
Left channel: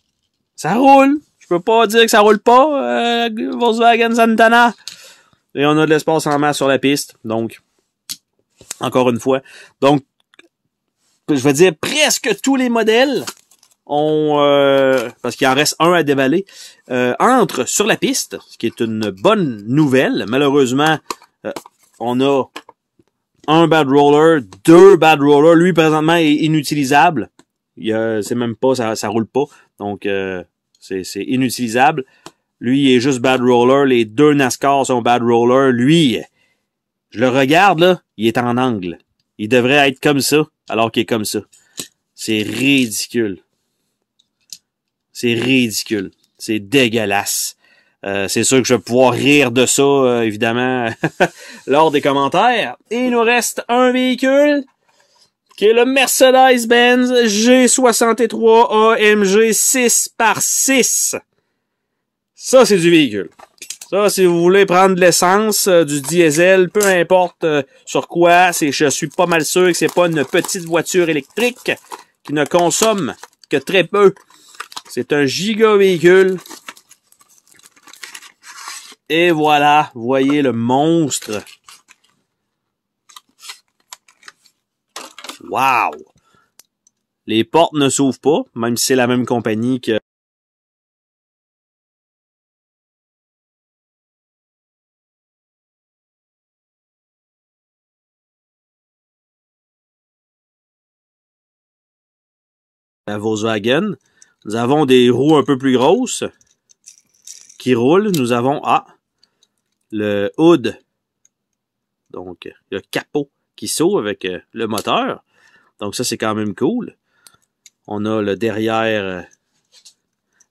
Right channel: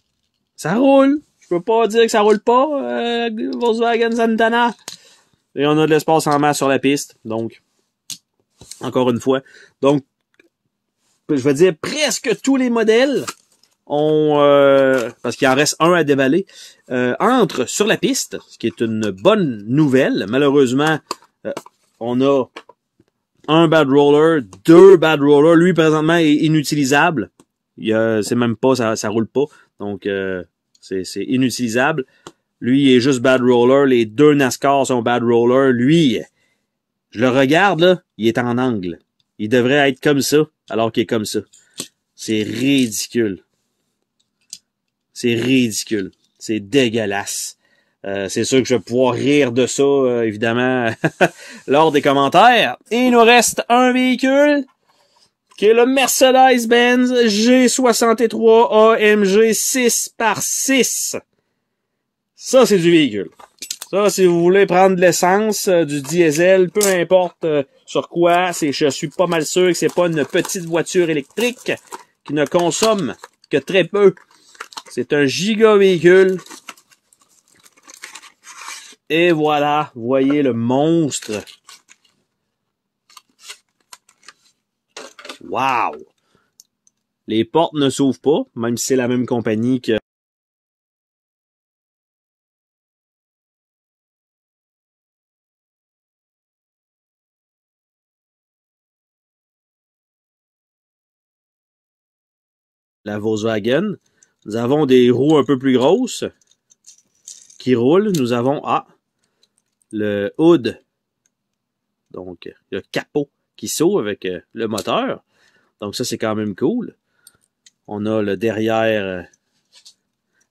Ça roule. Je peux pas dire que ça roule pas, Volkswagen Santana. Et on a de l'espace en masse sur la piste. Donc, encore une fois. Donc, je vais dire presque tous les modèles ont, parce qu'il en reste un à déballer, entrent sur la piste, ce qui est une bonne nouvelle. Malheureusement, on a un bad roller, 2 bad rollers. Lui, présentement, est inutilisable. C'est même pas, ça roule pas. Donc, c'est inutilisable. Lui, il est juste bad roller. Les 2 NASCAR sont bad roller. Lui, je le regarde, là, il est en angle. Il devrait être comme ça, alors qu'il est comme ça. C'est ridicule. C'est ridicule. C'est dégueulasse. C'est sûr que je vais pouvoir rire de ça, évidemment, lors des commentaires. Et il nous reste un véhicule qui est le Mercedes-Benz G63 AMG 6x6. Ça, c'est du véhicule. Ça, si vous voulez prendre de l'essence, du diesel, peu importe sur quoi, je suis pas mal sûr que c'est pas une petite voiture électrique qui ne consomme que très peu. C'est un giga véhicule. Et voilà, vous voyez le monstre. Wow! Les portes ne s'ouvrent pas, même si c'est la même compagnie que la Volkswagen. Nous avons des roues un peu plus grosses qui roulent. Nous avons le hood, donc le capot qui s'ouvre avec le moteur. Donc ça, c'est quand même cool. On a le derrière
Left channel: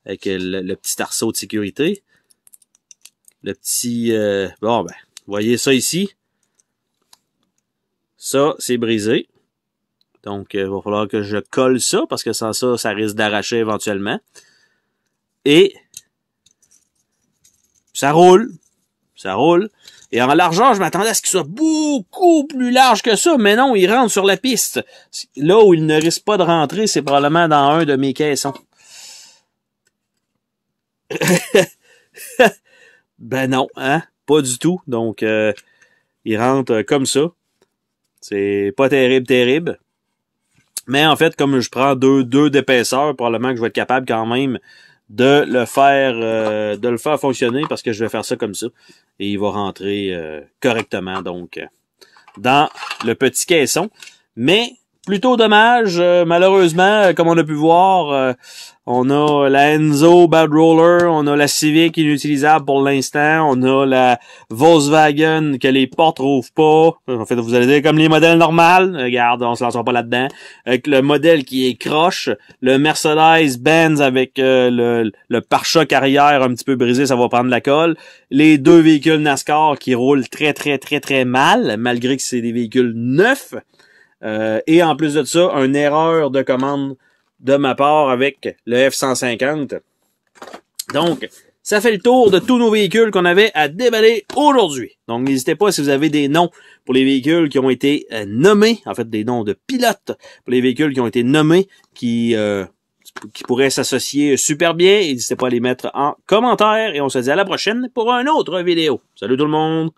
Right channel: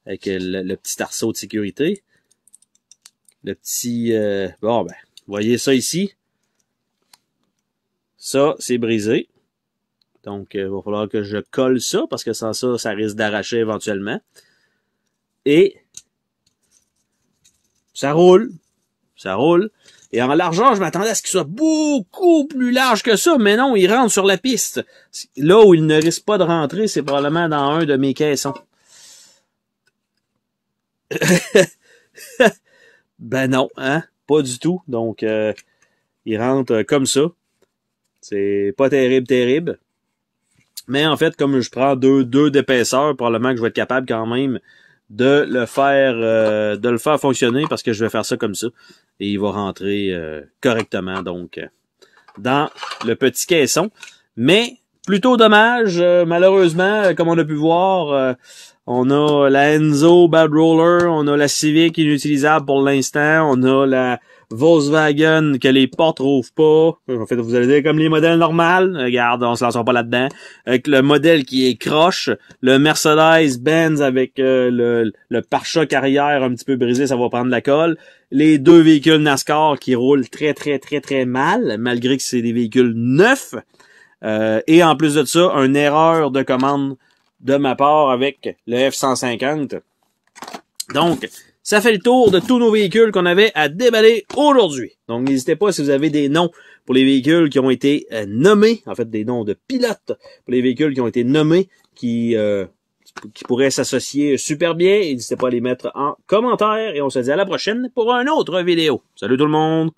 avec le petit arceau de sécurité. Le petit... bon, ben, vous voyez ça ici. Ça, c'est brisé. Donc, il va falloir que je colle ça, parce que sans ça, ça risque d'arracher éventuellement. Et ça roule. Ça roule. Et en largeur, je m'attendais à ce qu'il soit beaucoup plus large que ça, mais non, il rentre sur la piste. Là où il ne risque pas de rentrer, c'est probablement dans un de mes caissons. Ben non, hein? Pas du tout. Donc, il rentre comme ça. C'est pas terrible, terrible. Mais en fait, comme je prends deux d'épaisseur, probablement que je vais être capable quand même de le faire fonctionner parce que je vais faire ça comme ça. Et il va rentrer correctement, donc, dans le petit caisson. Mais, plutôt dommage, malheureusement, comme on a pu voir, on a la Enzo Bad Roller, on a la Civic inutilisable pour l'instant, on a la Volkswagen que les portes trouvent pas. En fait, vous allez dire comme les modèles normales. Regarde, on se lance pas là-dedans. Avec le modèle qui est croche, le Mercedes-Benz avec le pare-choc arrière un petit peu brisé, ça va prendre la colle. Les deux véhicules NASCAR qui roulent très, très, très, très mal, malgré que c'est des véhicules neufs. Et en plus de ça, une erreur de commande de ma part avec le F-150. Donc, ça fait le tour de tous nos véhicules qu'on avait à déballer aujourd'hui. Donc, n'hésitez pas si vous avez des noms pour les véhicules qui ont été nommés, en fait, des noms de pilotes pour les véhicules qui ont été nommés, qui pourraient s'associer super bien. N'hésitez pas à les mettre en commentaire et on se dit à la prochaine pour une autre vidéo. Salut tout le monde!